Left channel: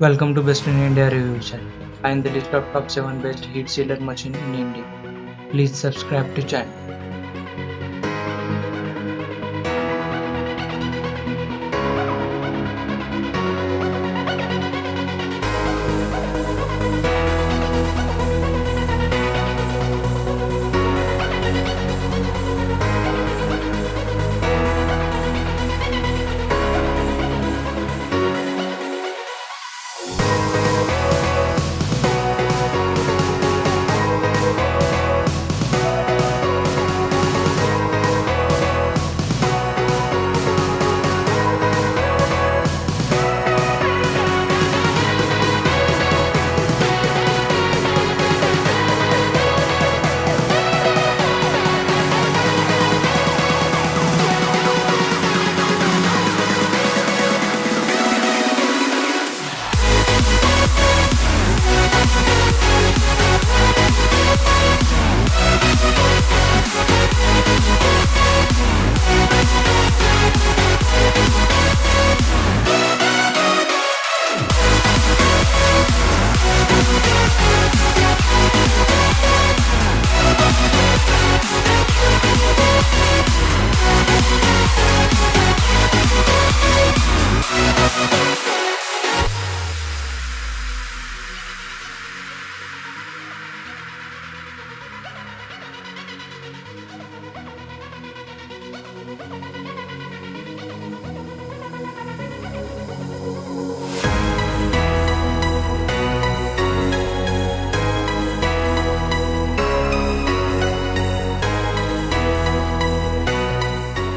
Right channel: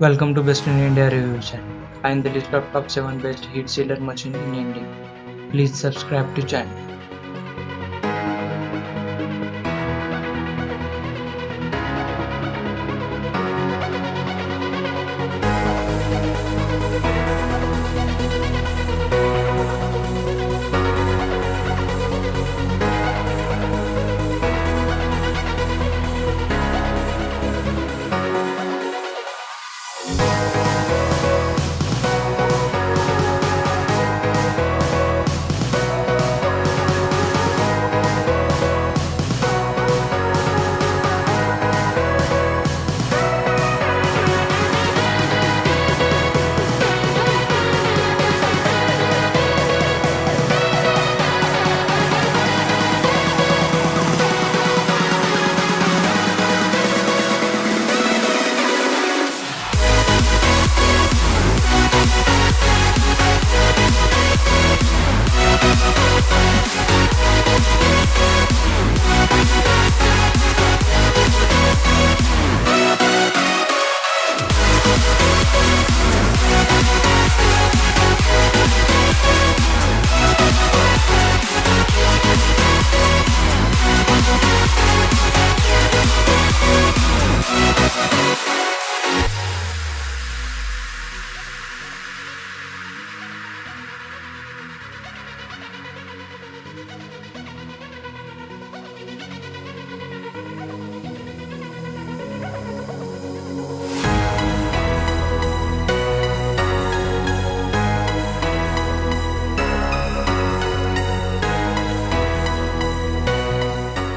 Welcome to Best in India Review channel. Find the list of top 7 best heat sealer machine in India. Please subscribe to channel.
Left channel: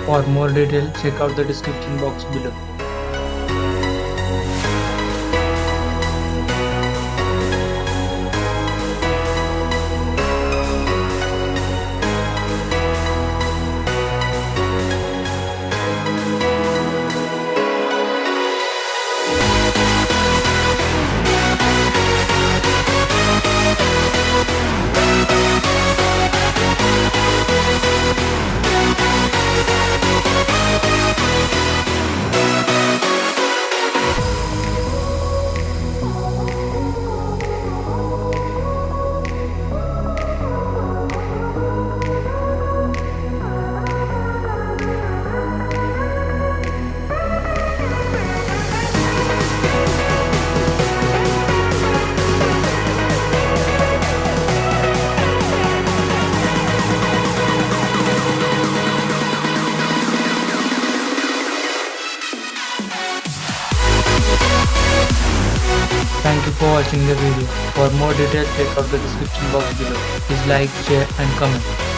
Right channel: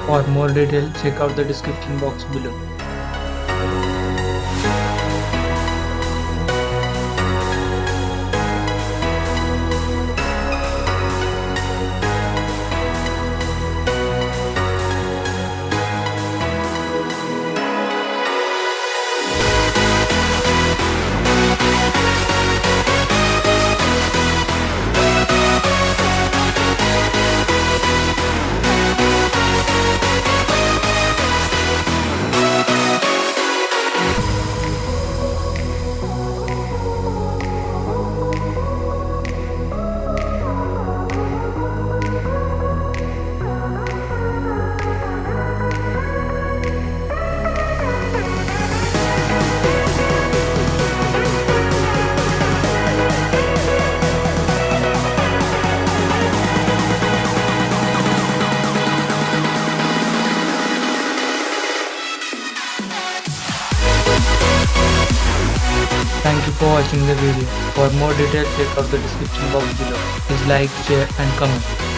For more details, check out the description box below. Thank you for watching the video. For more details, check out the description box below. Please like, share and comment.